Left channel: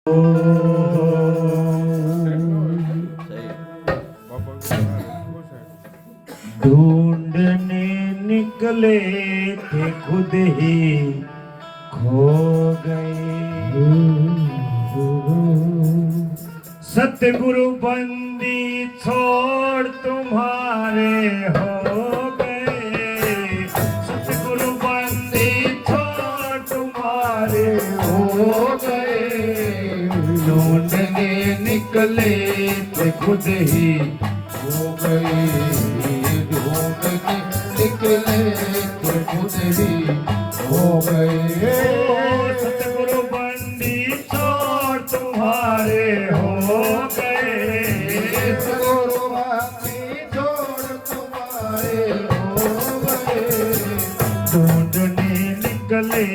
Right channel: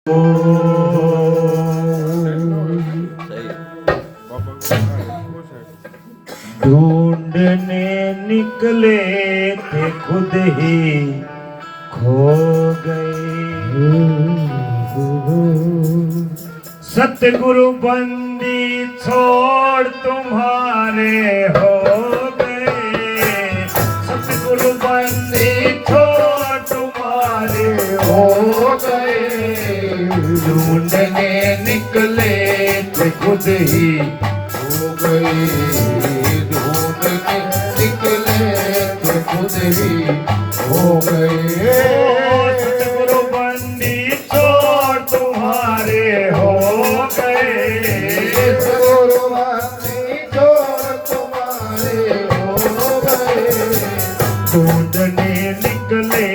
ढूंढने निकले थे खुद ही खो गए। सतगुरु बंदी छोड़ तुम्हारे हो गए। सतगुरु बंदी छोड़ तुम्हारे हो गए। ढूंढने निकले थे खुद ही हो गए। ढूंढने निकले थे खुद ही हो गए। सतगुरु बंदी छोड़ तुम्हारे हो गए। सतगुरु बंदी छोड़ तुम्हारे हो गए। ढूंढने निकले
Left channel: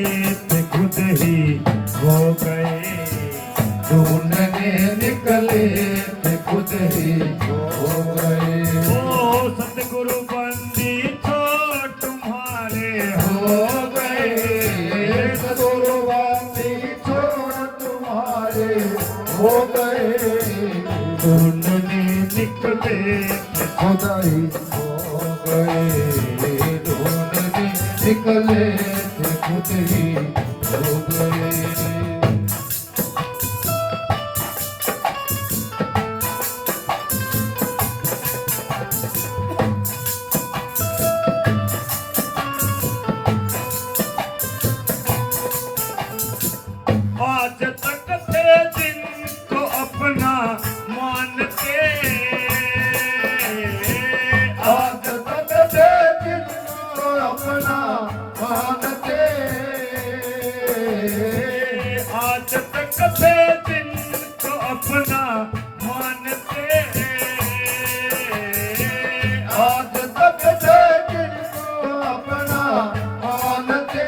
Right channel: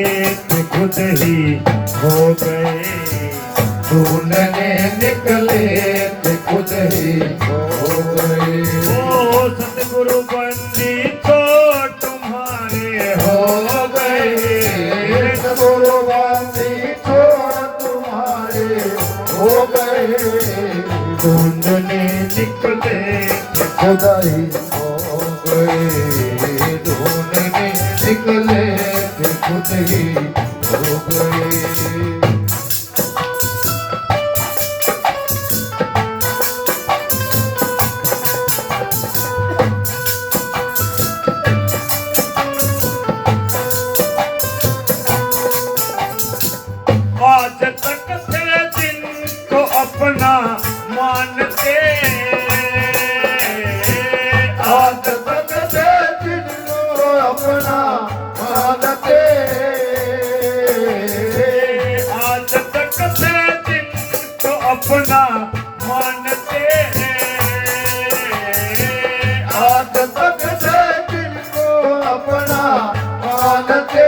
थे खुद ही हो गए। ढूंढने निकले थे खुद ही हो गए। ओ सतगुरु बंदी छोड़ तुम्हारे हो गए। सतगुरु बंदी छोड़ तुम्हारे हो गए। ढूंढने निकले थे खुद ही हो गए। ढूंढने निकले थे खुद ही हो गए। आज तक थे जिनको अपना मानते। आज तक थे जिनको अपना मानते। आज तक थे जिनको अपना मानते। आज तक थे जिनको अपना मानते।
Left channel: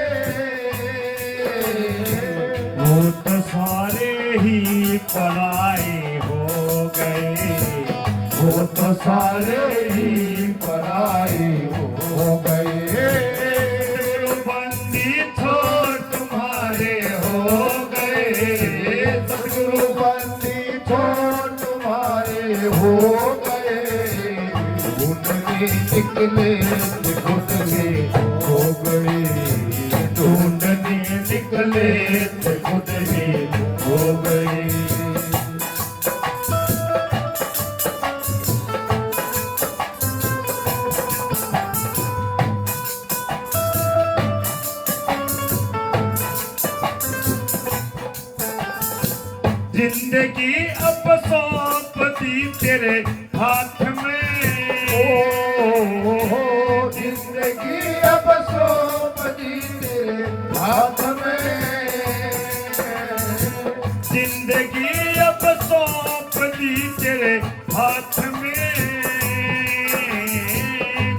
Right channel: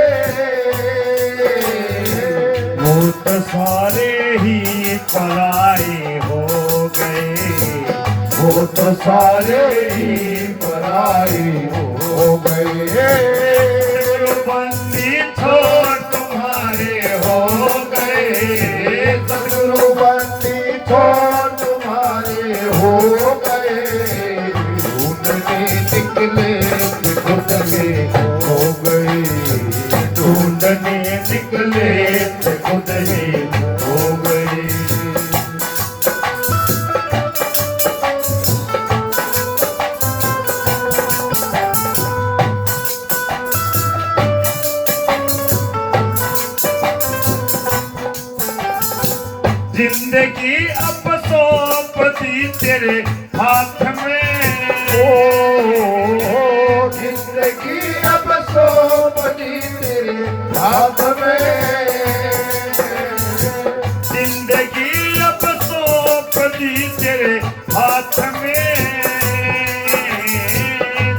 वो तो सारे ही पराए हो गए। वो तो सारे ही पराए हो गए। सतगुरु बंदी छोड़ तुम्हारे हो गए। सतगुरु बंदी छोड़ तुम्हारे हो गए। ढूंढने निकले खुद ही हो गए। ढूंढने निकले खुद ही हो गए। जिंदगी अब सौंप दी तेरे हाथ में। ओ जिंदगी अब सौंप दी तेरे हाथ में। जिंदगी अब सौंप दी तेरे हाथ में।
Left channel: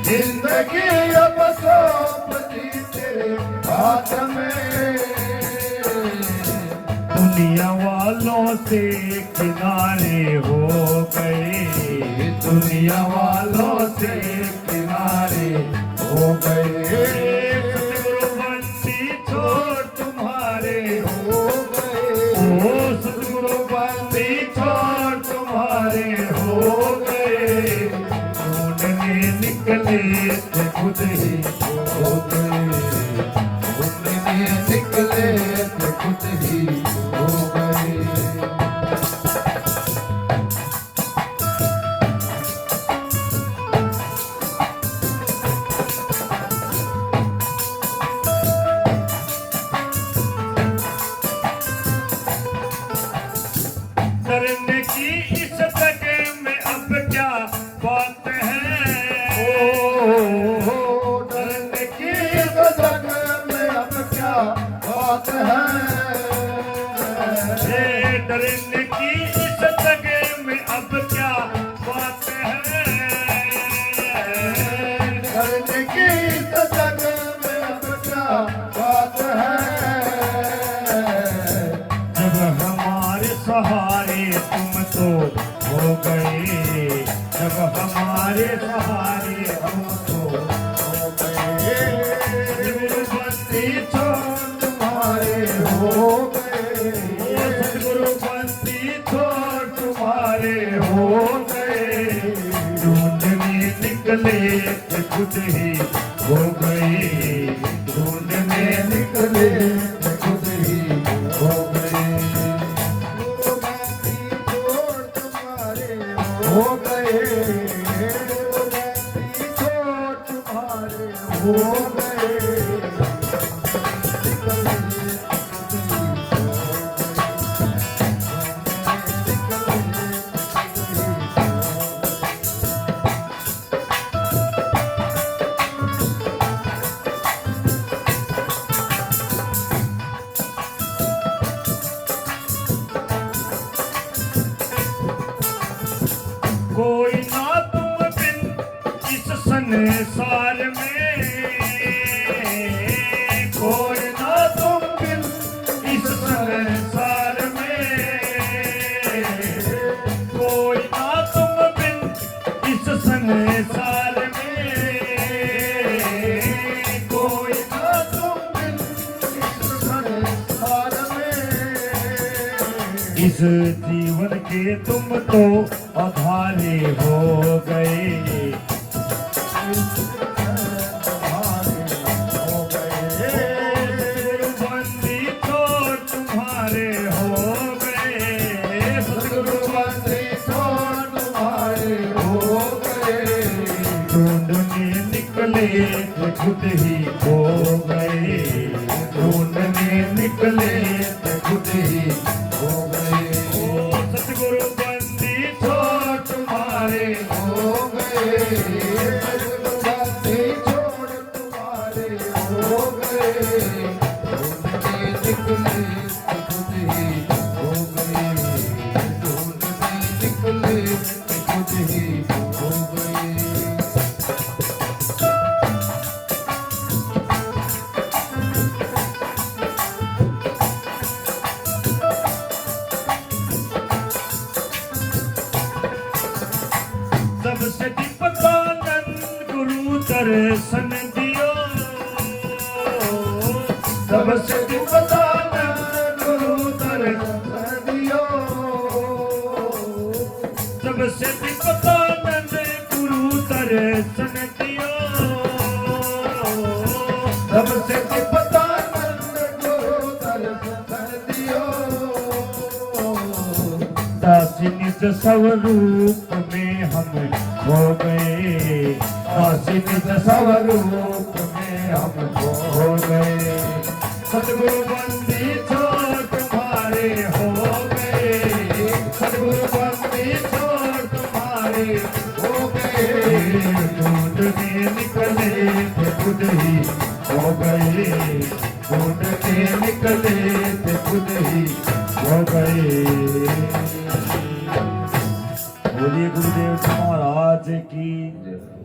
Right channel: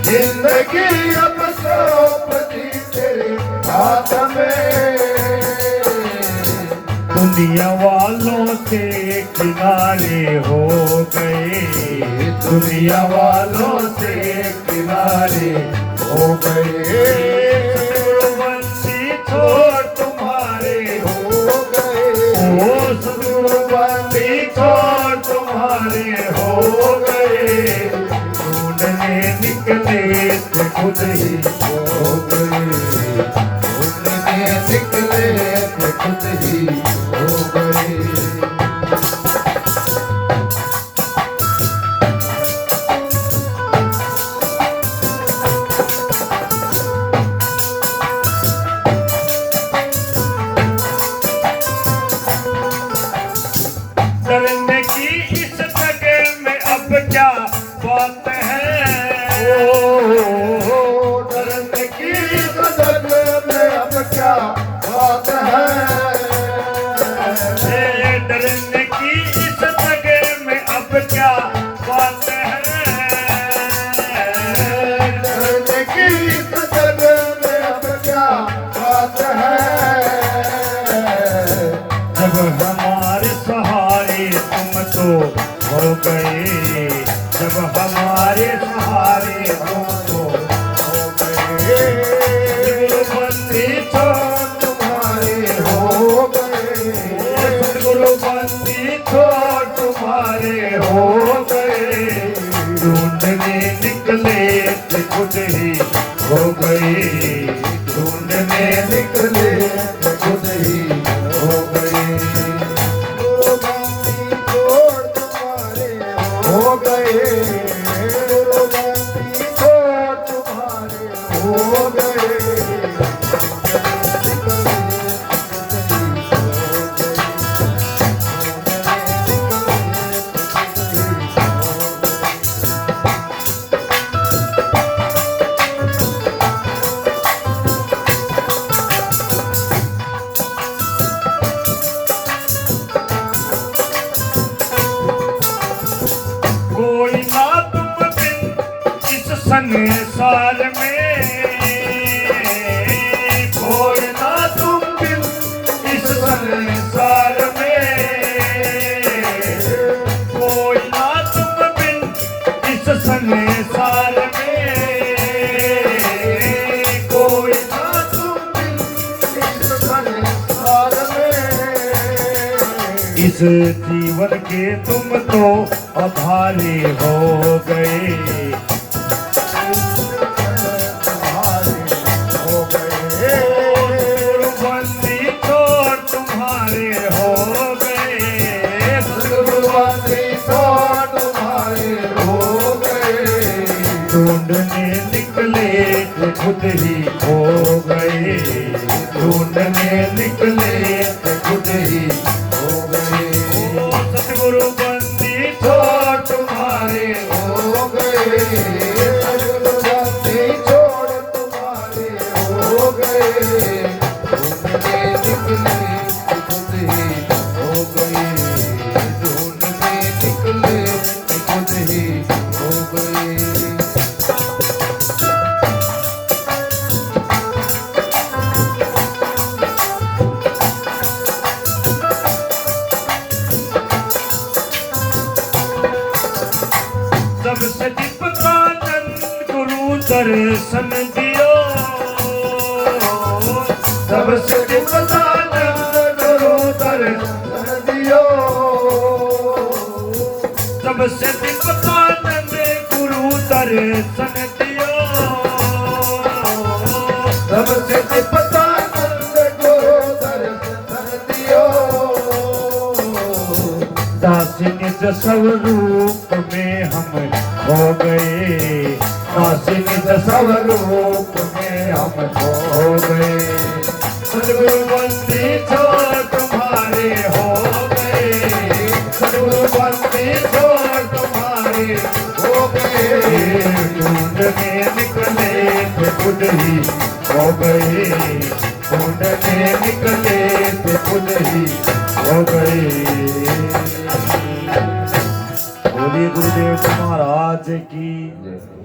जिंदगी अब सौंप दी तेरे हाथ में। दुनिया वालों से किनारे हो गए। दुनिया वालों से किनारे हो गए। सतगुरु बंदी छोड़ तुम्हारे हो गए। ओ सतगुरु बंदी छोड़ तुम्हारे हो गए। ढूंढने निकले थे खुद ही हो गए। ढूंढने निकले थे खुद ही हो गए। डरने की इस जगह में अब क्या बात है। ओ डरने की इस जगह में अब क्या बात है। डरने की इस जगह में अब क्या बात है। डरने की इस जगह में अब क्या बात है। जब हमारे सहारे तुम तो हो गए। जब हमारे सहारे तुम तो हो गए। बंदी छोड़ तुम्हारे हो गए। सतगुरु ढूंढने निकले थे खुद ही हो गए, ढूंढने निकले थे खुद ही हो गए, हो गए, हो गए। कोई ना तुम बिन इस संसार में, कोई ना तुम बिन इस संसार में, कोई ना तुम बिन इस संसार में, कोई ना तुम बिन इस संसार में, इस जीवन के तुम तो आभारी हो गए, हो गए, गुरुबंदी छोड़ तुम्हारे हो गए, गुरुबंदी छोड़ तुम्हारे हो गए, ढूंढने निकले थे खुद ही हो गए, ढूंढने निकले थे खुद ही हो गए, सतगुरु बंदी छोड़ तुम्हारे हो गए, बंदी छोड़ तुम्हारे हो गए, ढूंढने निकले खुद ही हो गए, ढूंढने निकले खुद ही हो गए। सबसे दीपकानंद गुरु दर्शन दियो, सबसे दीपकानंद गुरु दर्शन दियो, सबसे दीपकानंद गुरु दर्शन दियो, सबसे दीपकानंद गुरु दर्शन दियो, दासी निज स्वरूप में हम हो गए, दासी निज स्वरूप में हम हो गए, सद्गुरु बंदी छोड़ तुम्हारे हो गए, सद्गुरु बंदी छोड़ तुम्हारे हो गए, ढूंढने निकले थे खुद ही हो गए, ढूंढने निकले थे खुद ही हो गए। बोलिए गुरुदेव महाराज की जय।